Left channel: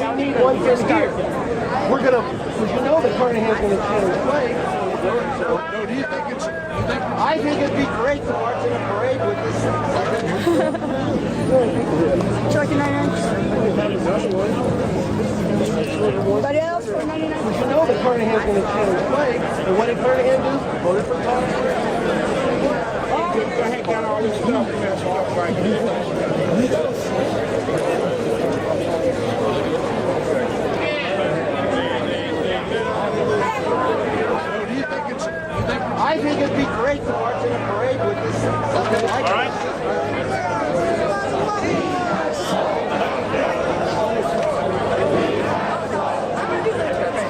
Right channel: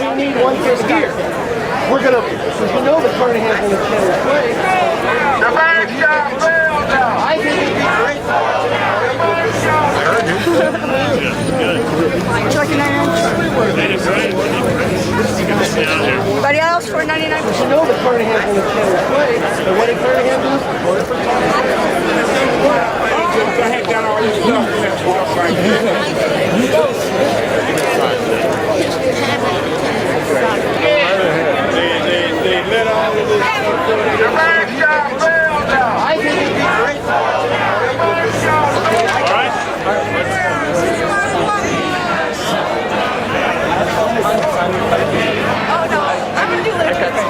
We need one thing here. We're going to maneuver trying to have The first shot failed now. I think it'd be great. Chucky 99. Anybody else for 99? I had got all this stuff messed up right here. The first shot failed now. I think it'd be great. Oh no, I'm gonna do lyrics.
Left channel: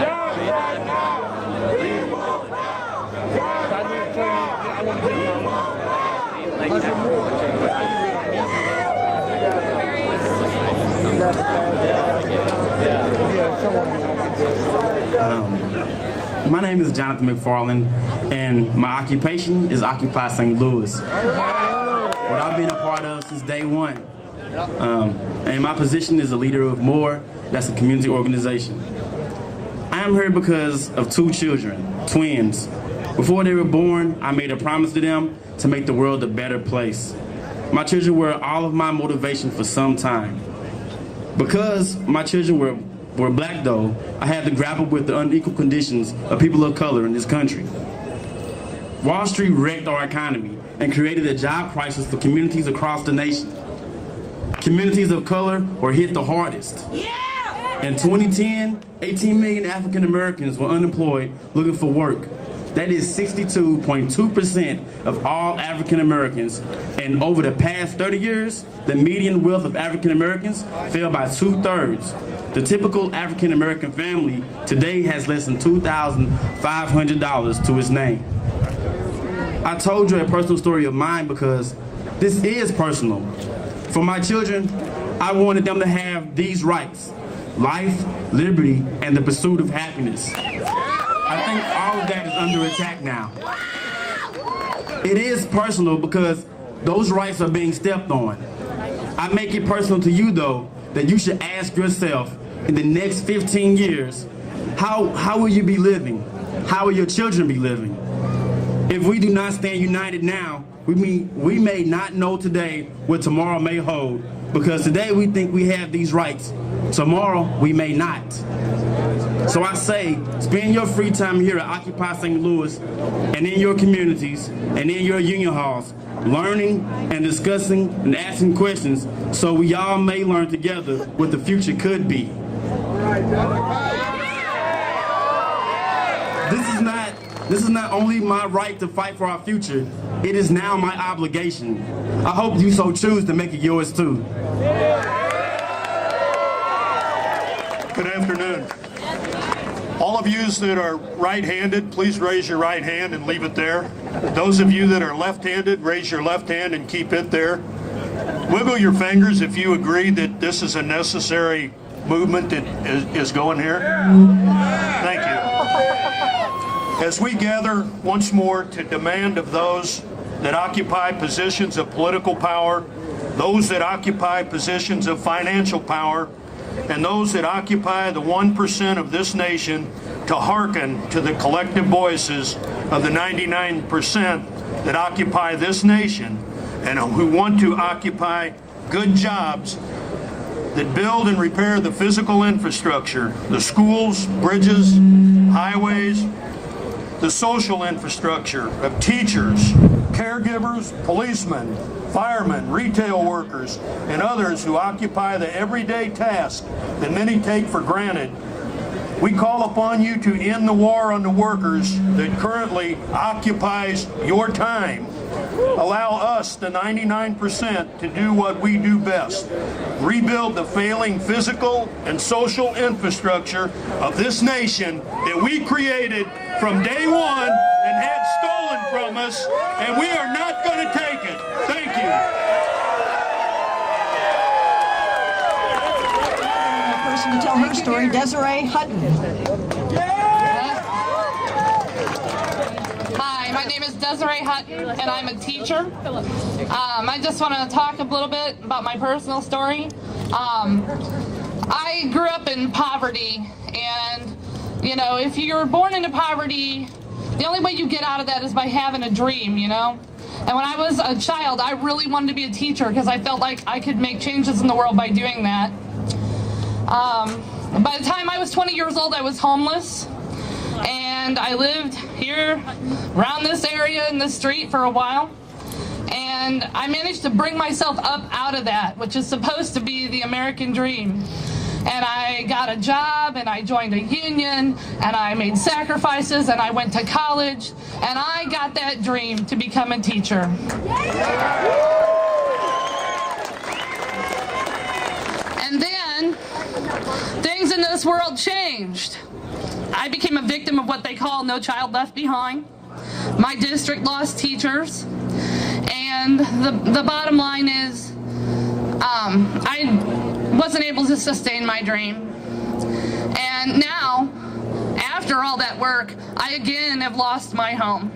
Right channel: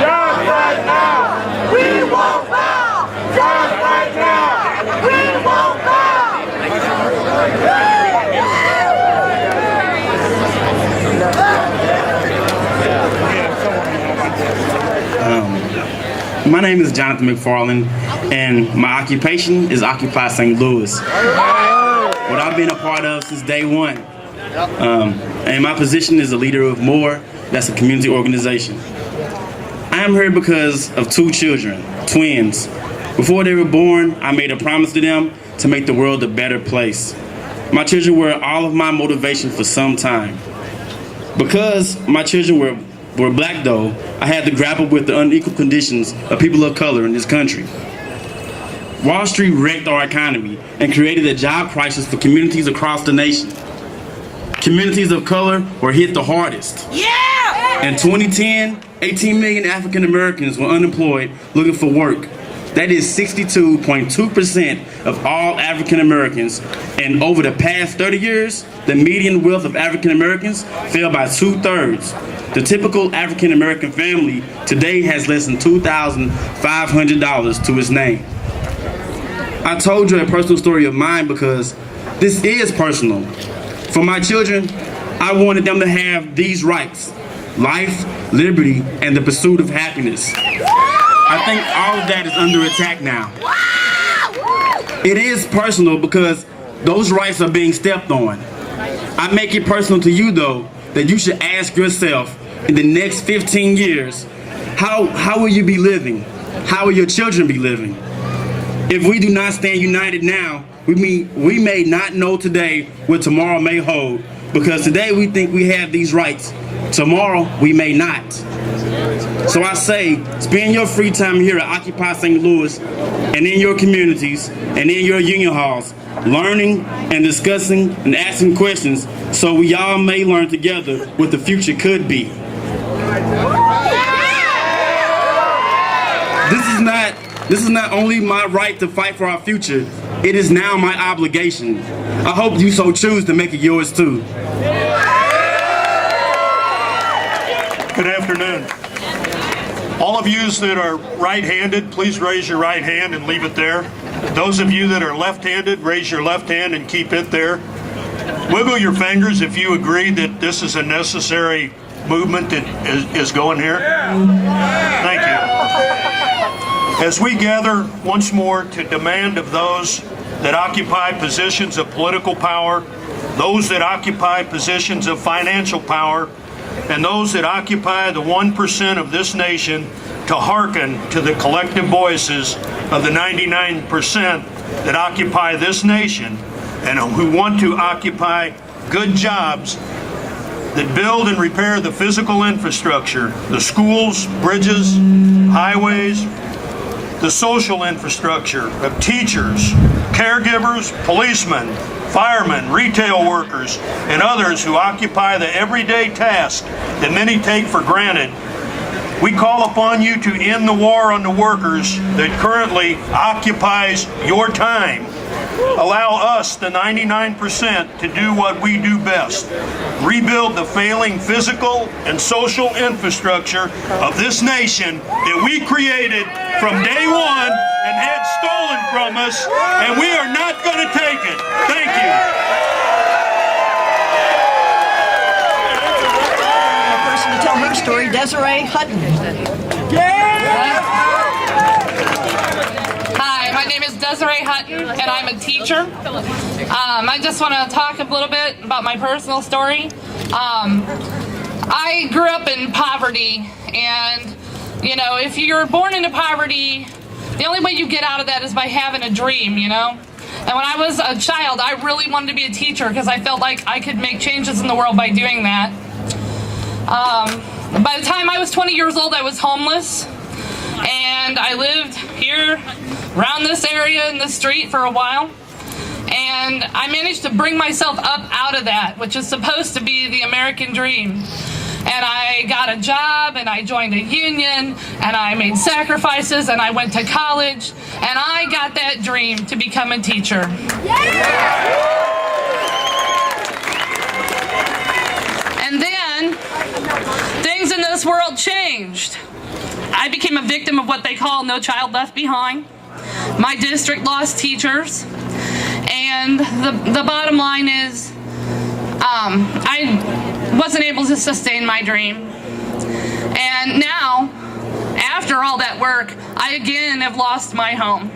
Just right now. We won't bow. Just right now. We won't My name is Jonathan McFarland, and my occupation is Occupy St. Louis, what I've been a part of since day one. And my position is a leader of MORE, that's a community organization. I am here because of two children, twins. Before they were born, I made a promise to them to make the world a better place. My children were all of my motivation for some time. Because my children were black though, I had to grapple with the unequal conditions of people of color in this country. Wall Street wrecked our economy and created a job crisis for communities across the nation. Communities of color were hit the hardest. Yeah! In 2010, 18 million African Americans were unemployed looking for work. That is 62.2% of all African Americans. And over the past 30 years, the median wealth of African Americans fell by 2/3. The typical African American family today has less than $2,500 to its name. I told you a personal story of mine because this is personal. For my children, I wanted them to have these rights: life, liberty, and the pursuit of happiness. I think all of that is under attack now. It is personal because those rights are being stepped on. I make it personal to you though, that you should ask yourself in the next 15 years, how will you be living? How will your children be living? If we do not stand united now, we may not know today what tomorrow may hold, because today we think we have these rights, tomorrow we may not. So I say, spend your free time here at Occupy St. Louis and in your communities and in your union halls, learning and discussing and asking questions so we all may learn together what the future could be. This is not only my right to fight for our future, it is now my obligation. I hope you so choose to make it yours too. Good afternoon. All of you that are right-handed, please raise your right hand and leave it there. Those of you that are left-handed, raise your left hand and keep it there. Wiggle your fingers if you agree that this is a necessary movement that is going here. Thank you. As we gather once more to demand of those that occupy positions of political power, those that occupy positions of financial power, and those that occupy the 1% of this nation to hearken to the collective voices of the 99% that occupy this nation and who want to occupy good jobs that build and repair the physical infrastructure, the schools, bridges, highways, the social infrastructure of teachers, caregivers, policemen, firemen, retail workers, and others who occupy the everyday task that many take for granted. We call upon you to end the war on the workers that currently occupies your time. Allow us, the 99%, to do what we do best. Rebuild the failing physical and social infrastructure of this nation that we created from day one and had stolen from us, and we are not going to take it. Thank you. A person to tell her story, Desiree Hutton. Hi, my name is Desiree Hutton, and I'm a teacher. I just want to talk a little bit about my personal story. I grew up in poverty, and you know, if you're born into poverty, the only way you get out of that is by having a dream, you know? And when I was a child, I really wanted to be a teacher because I felt like I could make changes in the world by doing that. By the time I was 20 years old, I was homeless, and I lived here around this area in this street for a while. And I managed to bring myself up out of that, which is supposed to be the American dream. And I got a job, and I joined a union, and I made sacrifices, and I went to college, and I got that dream to become a teacher. And then things in this world changed. I became a victim of what they call No Child Left Behind. My district lost teachers. And the bottom line is, I wasn't able to sustain my dream. And now, after all that work, I again have lost my home.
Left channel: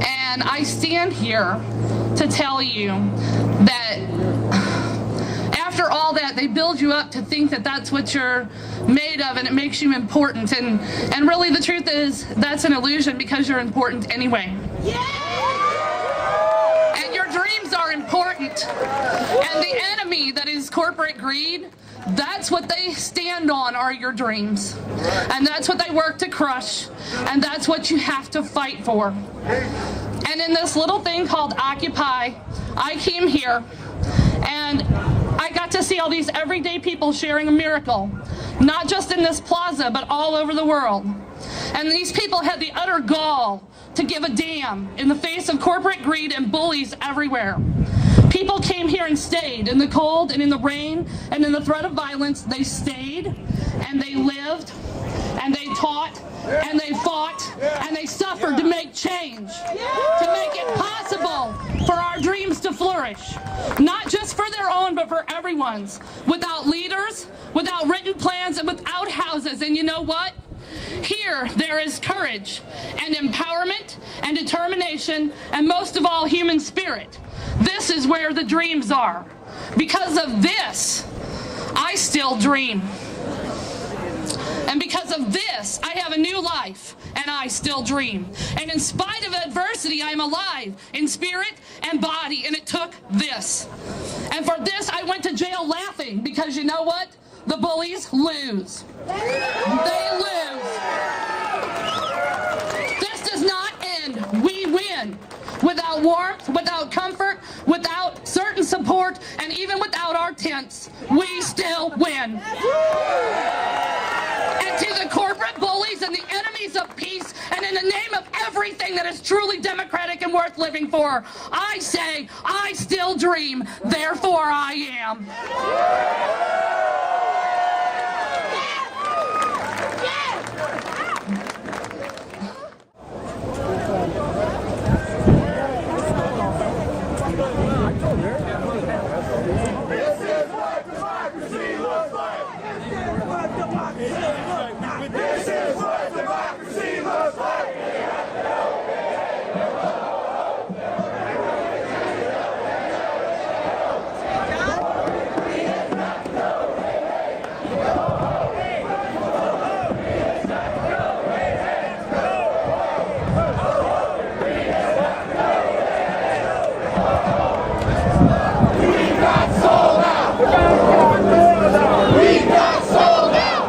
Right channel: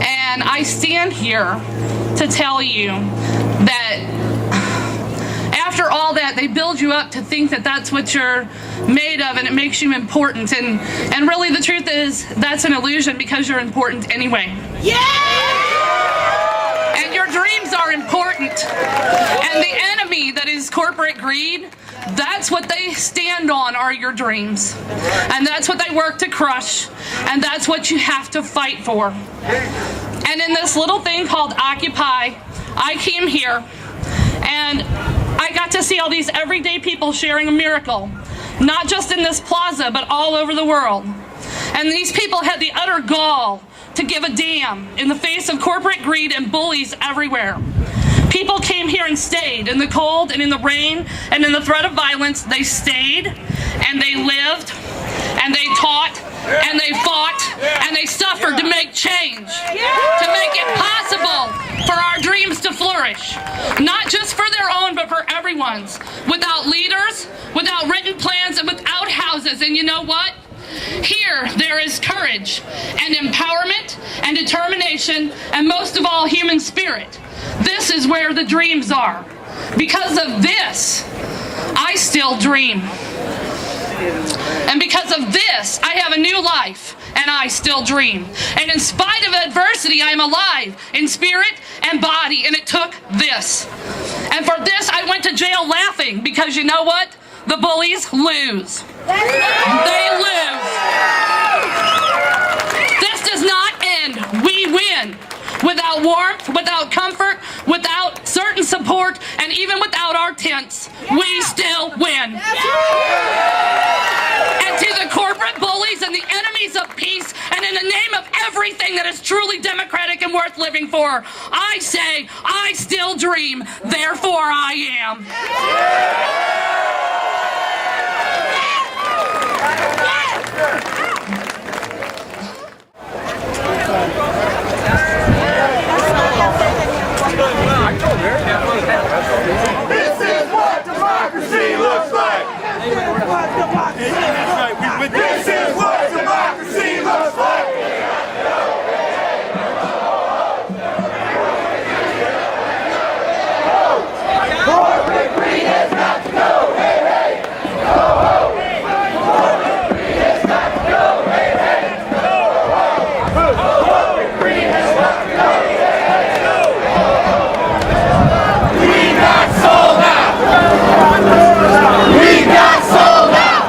And I stand here to tell you that after all that, they build you up to think that that's what you're made of, and it makes you important. And really the truth is, that's an illusion, because you're important anyway. And your dreams are important. And the enemy that is corporate greed, that's what they stand on, are your dreams. And that's what they work to crush. And that's what you have to fight for. And in this little thing called Occupy, I came here and I got to see all these everyday people sharing a miracle, not just in this plaza, but all over the world. And these people had the utter gall to give a damn in the face of corporate greed and bullies everywhere. People came here and stayed in the cold and in the rain and in the threat of violence. They stayed and they lived and they taught and they fought and they suffered to make change, to make it possible for our dreams to flourish, not just for their own, but for everyone's, without leaders, without written plans, and without houses. And you know what? Here there is courage and empowerment and determination, and most of all, human spirit. This is where the dreams are. Because of this, I still dream. And because of this, I have a new life, and I still dream. And in spite of adversity, I am alive in spirit and body, and it took this. And for this, I went to jail laughing, because you know what? The bullies lose. They lose. This does not end. We win. Without warmth, without comfort, without certain support, and even without our tents, we still win. And to the corporate bullies and the enemies of peace, and in the name of everything that is truly democratic and worth living for, I say, I still dream, therefore I am. This is what democracy looks like. This is what democracy looks like. This is what democracy looks like. Corporate greed has got to go. Hey, hey. Go home. Corporate greed has got to go. Hey, hey. Go home. Corporate greed has got to go. We got sold out! We got sold out!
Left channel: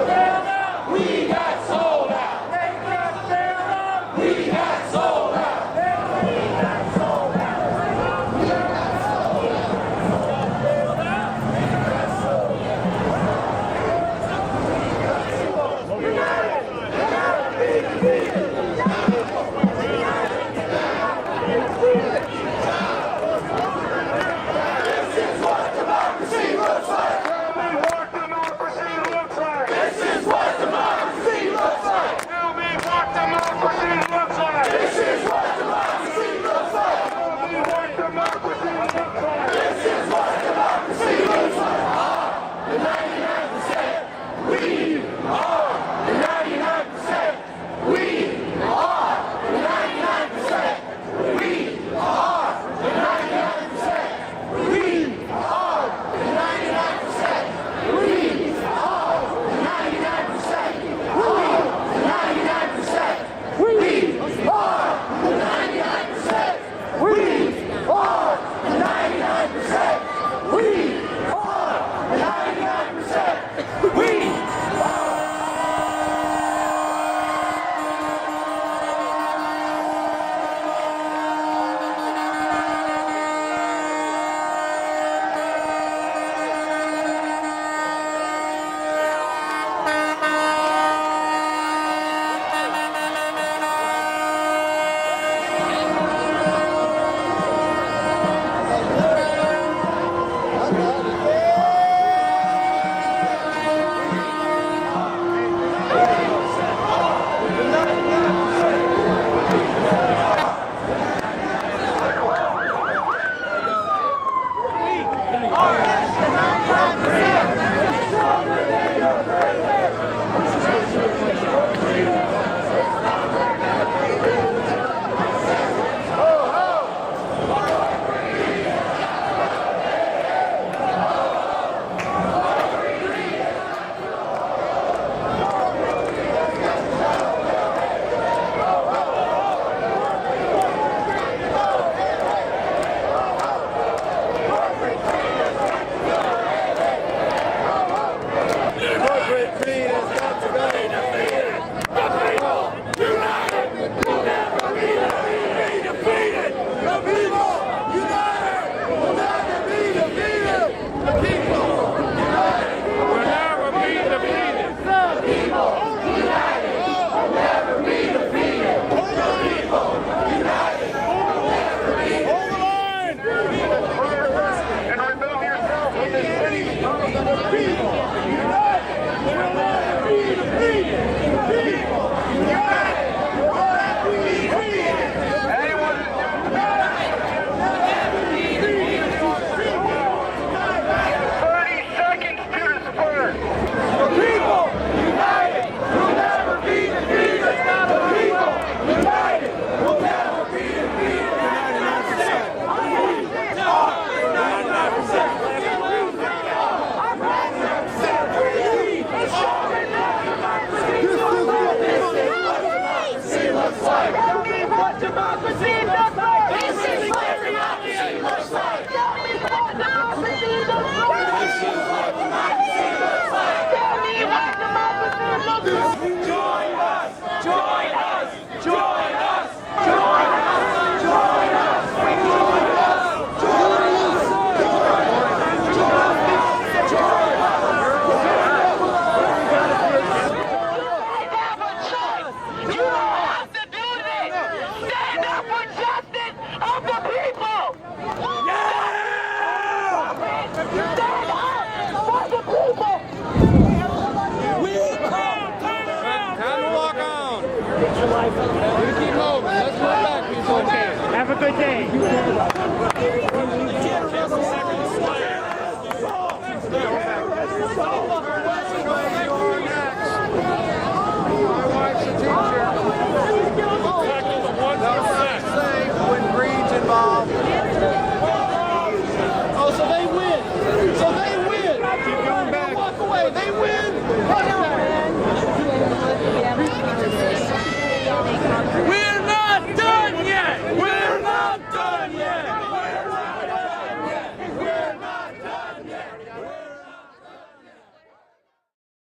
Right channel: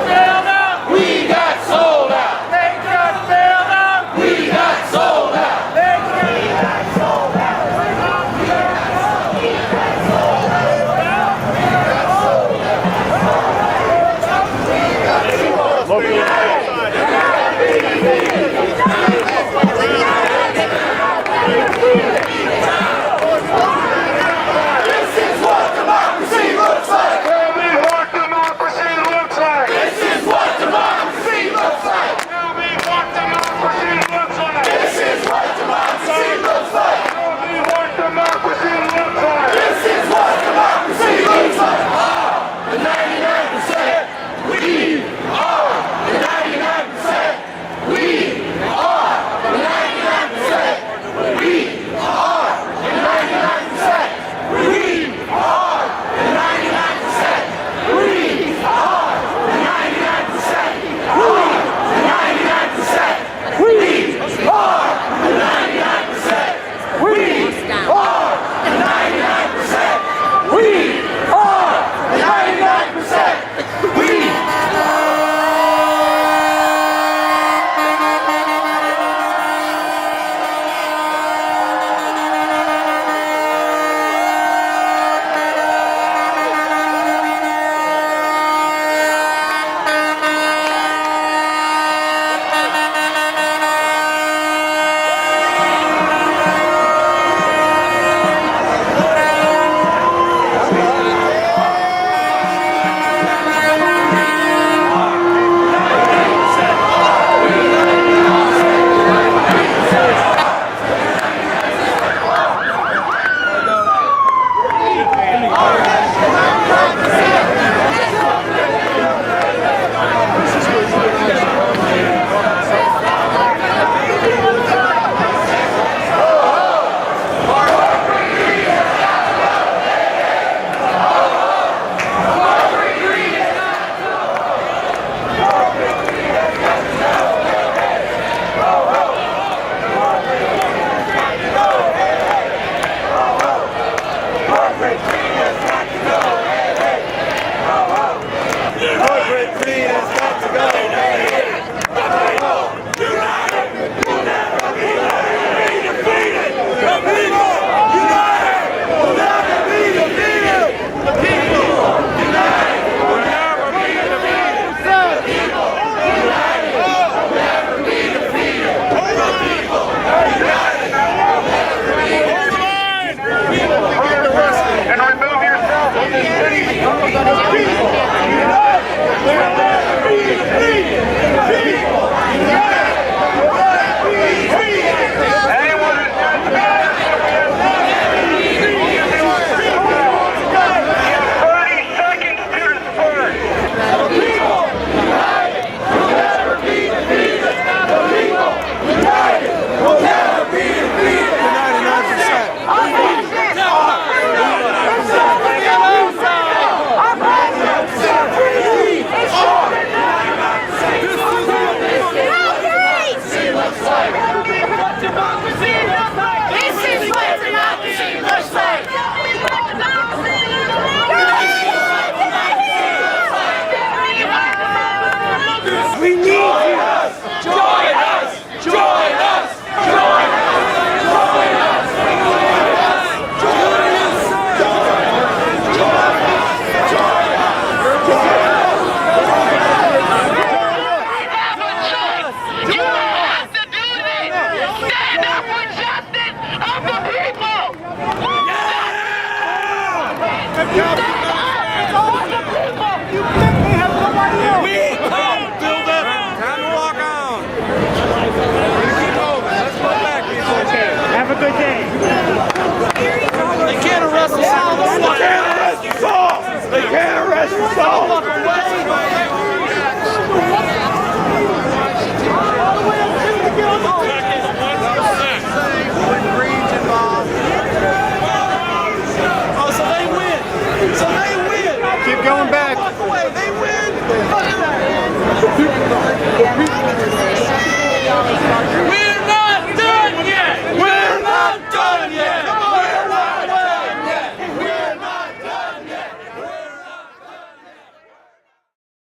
Have a good day. They can't arrest us all. They can't arrest us all.